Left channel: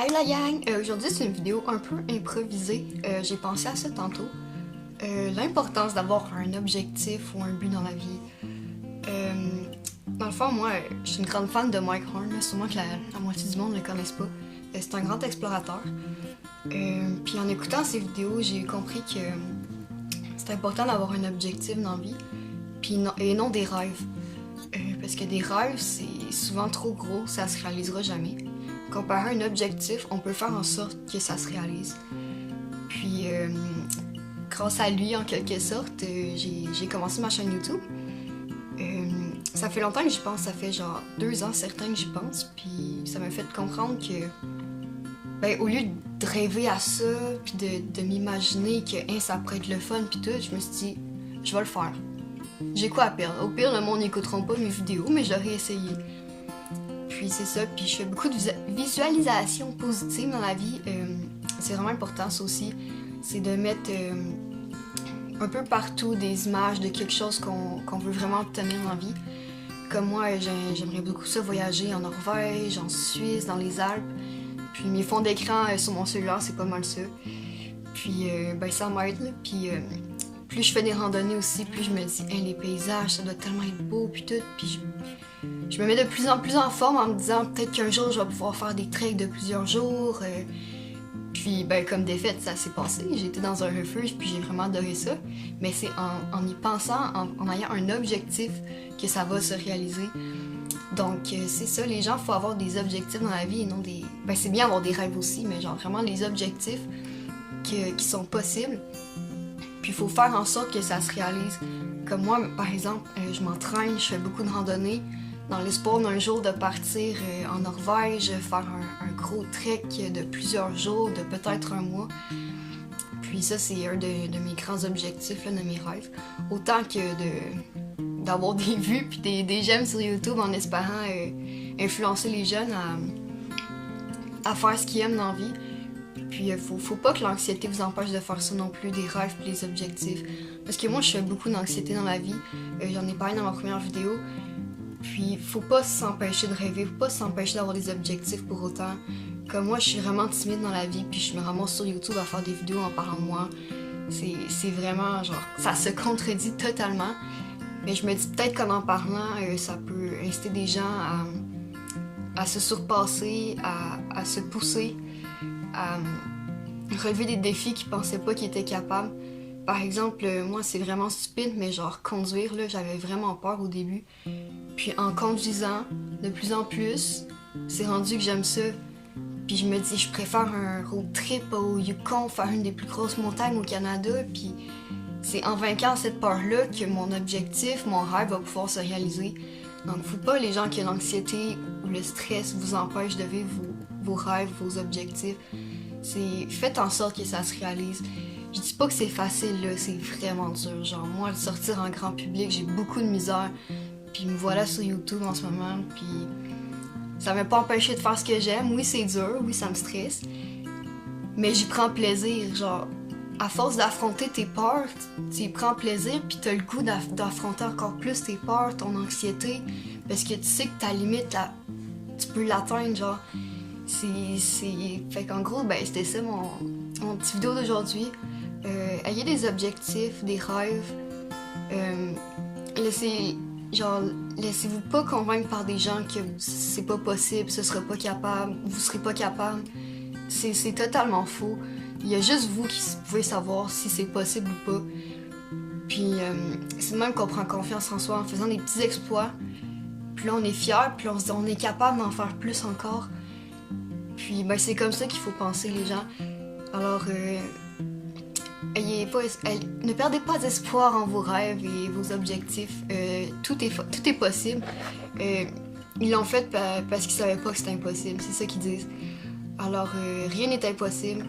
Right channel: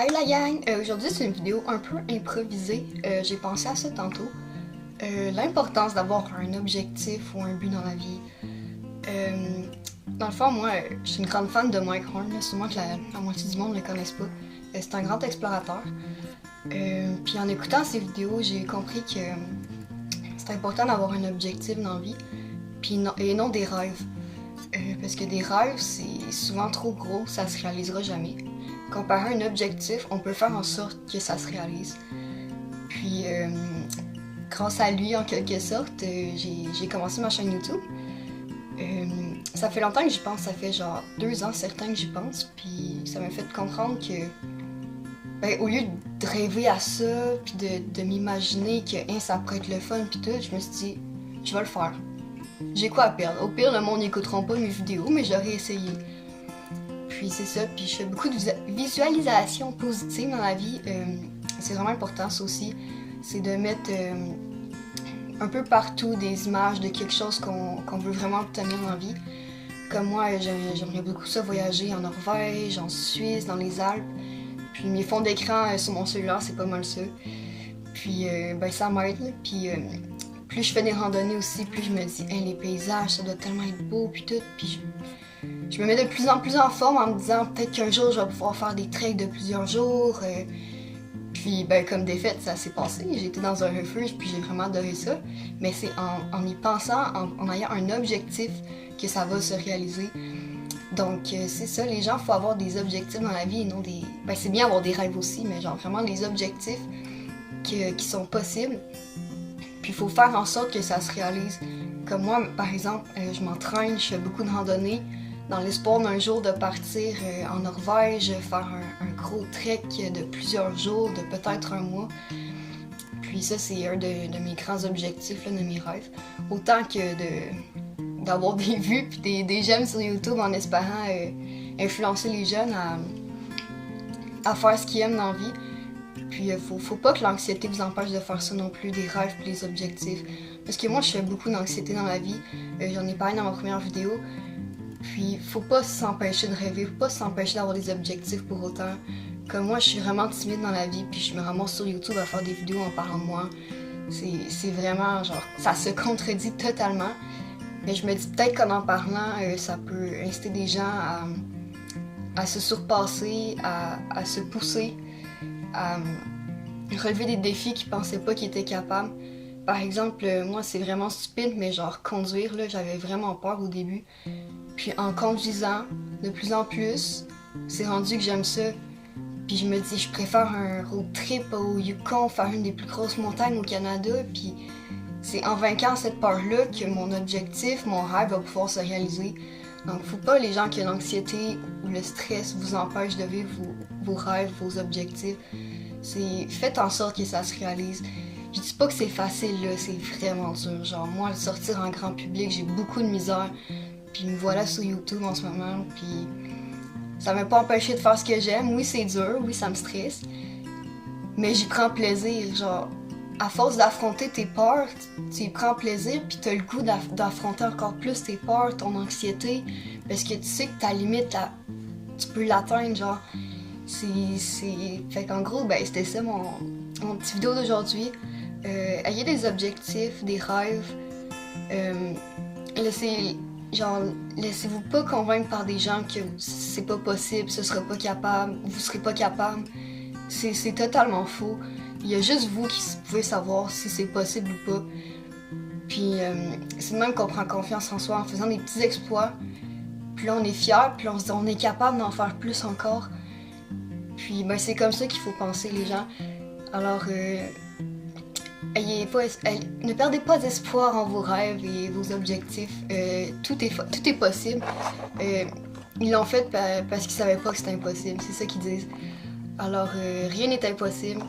Hey la gang! Aujourd'hui c'est une vidéo un peu improvisée. J'ai pensé à ça tantôt. L'importance d'avoir un objectif ou un but dans la vie. Dans le fond, moi, je suis une grande fan de Mike Horn, là, sûrement que la moitié du monde ne le connaisse pas. C'est un grand explorateur. Puis en écoutant ses vidéos, j'ai compris que c'est important d'avoir un objectif dans la vie, et non des rêves. Parce que des rêves, c'est souvent trop gros, ça se réalisera jamais. Comparé à un objectif, on peut faire en sorte que ça se réalise. Puis, grâce à lui, en quelque sorte, j'ai commencé ma chaîne YouTube. Ça fait longtemps que j'y pense, ça fait genre 2 ans certains que j'y pense, puis ça m'a fait comprendre que, au lieu de rêver à ça, puis de m'imaginer que ça pourrait être le fun, puis tout, je me suis dit, je vais le faire. J'ai quoi à perdre? Au pire, le monde n'écouteront pas mes vidéos, mais j'aurais essayé. Puis c'est ça, puis je fais beaucoup de visualisation positive dans la vie. C'est vraiment important, ça aussi. C'est de mettre un peu partout des images de quelque chose qu'on veut vraiment obtenir dans la vie. Comme moi, j'aimerais beaucoup ça voyager en Norvège, en Suisse, dans les Alpes. Puis mes fonds d'écran sur mon cellulaire, c'est pas mal ça. Puis ça m'aide, puis plus je fais des randonnées aussi, plus je me dis, hey, les paysages, ça doit tellement être beau, puis tout. Puis je me mets de plus en plus en forme en me disant peut-être qu'un jour je vais pouvoir faire des treks de plusieurs jours. Puis comme des faits, ça s'est passé. J'ai été dans un refuge puis j'ai vraiment adoré ça. Mais c'est en y pensant, en ayant un objectif que ça va se réaliser. Donc c'est ça, les gens, il faut avoir des objectifs dans la vie et non des... c'est bien avoir des rêves aussi, mais genre vraiment les objectifs qui sont possibles. Puis il faut faire en sorte que ça se réalise. Comme moi, par exemple, je m'entraîne, je fais beaucoup de randonnées, dans l'espoir d'un jour de partir en Norvège, faire un gros trek de plusieurs jours, de peut-être un mois. Puis ça, c'est un de mes grands objectifs, là, de mes rêves. Autant que d'avoir des vues puis des j'aime sur YouTube en espérant influencer les jeunes à faire ce qu'ils aiment dans la vie. Puis faut pas que l'anxiété vous empêche de faire ça non plus, des rêves puis les objectifs. Parce que moi, je fais beaucoup d'anxiété dans la vie. J'en ai parlé dans ma première vidéo. Puis, faut pas s'empêcher de rêver, faut pas s'empêcher d'avoir des objectifs pour autant. Comme moi, je suis vraiment timide dans la vie, puis je me ramasse sur YouTube à faire des vidéos en parlant de moi. C'est vraiment, genre, ça se contredit totalement. Mais je me dis peut-être qu'en parlant, ça peut inciter des gens à se surpasser, à se pousser, à relever des défis qu'ils pensaient pas qu'ils étaient capables. Par exemple, moi, c'est vraiment stupide, mais genre, conduire, là, j'avais vraiment peur au début. Puis en conduisant, de plus en plus, c'est rendu que j'aime ça. Puis je me dis, je préfère un road trip au Yukon, faire une des plus grosses montagnes au Canada. Puis c'est en vainquant cette peur-là que mon objectif, mon rêve va pouvoir se réaliser. Donc faut pas les gens que l'anxiété ou le stress vous empêchent de vivre vos rêves, vos objectifs. Faites en sorte que ça se réalise. Je dis pas que c'est facile, là, c'est vraiment dur. Genre moi, le sortir en grand public, j'ai beaucoup de misère. Puis me voilà sur YouTube en ce moment, puis ça m'a pas empêché de faire ce que j'aime. Oui, c'est dur, oui, ça me stresse, mais j'y prends plaisir. Genre, à force d'affronter tes peurs, tu y prends plaisir, puis t'as le goût d'affronter encore plus tes peurs, ton anxiété, parce que tu sais que ta limite, tu peux l'atteindre, genre. Fait qu'en gros, c'était ça mon petit vidéo d'aujourd'hui. Ayez des objectifs, des rêves. Laissez-vous pas convaincre par des gens que c'est pas possible, ce sera pas capable, vous serez pas capable. C'est totalement faux. Il y a juste vous qui pouvez savoir si c'est possible ou pas. Puis c'est de même qu'on prend confiance en soi en faisant des petits exploits. Puis là on est fiers, puis là on se dit on est capable d'en faire plus encore. Puis c'est comme ça qu'il faut penser les gens. Alors ne perdez pas d'espoir en vos rêves et vos objectifs. Tout est possible. Ils l'ont fait parce qu'ils savaient pas que c'était impossible. C'est ça qu'ils disent. Alors, rien n'est impossible.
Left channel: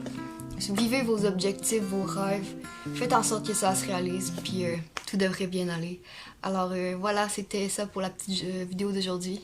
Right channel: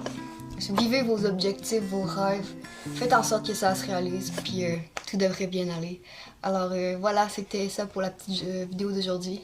Vivez vos objectifs, vos rêves. Faites en sorte que ça se réalise. Puis tout devrait bien aller. Alors, voilà, c'était ça pour la petite vidéo d'aujourd'hui.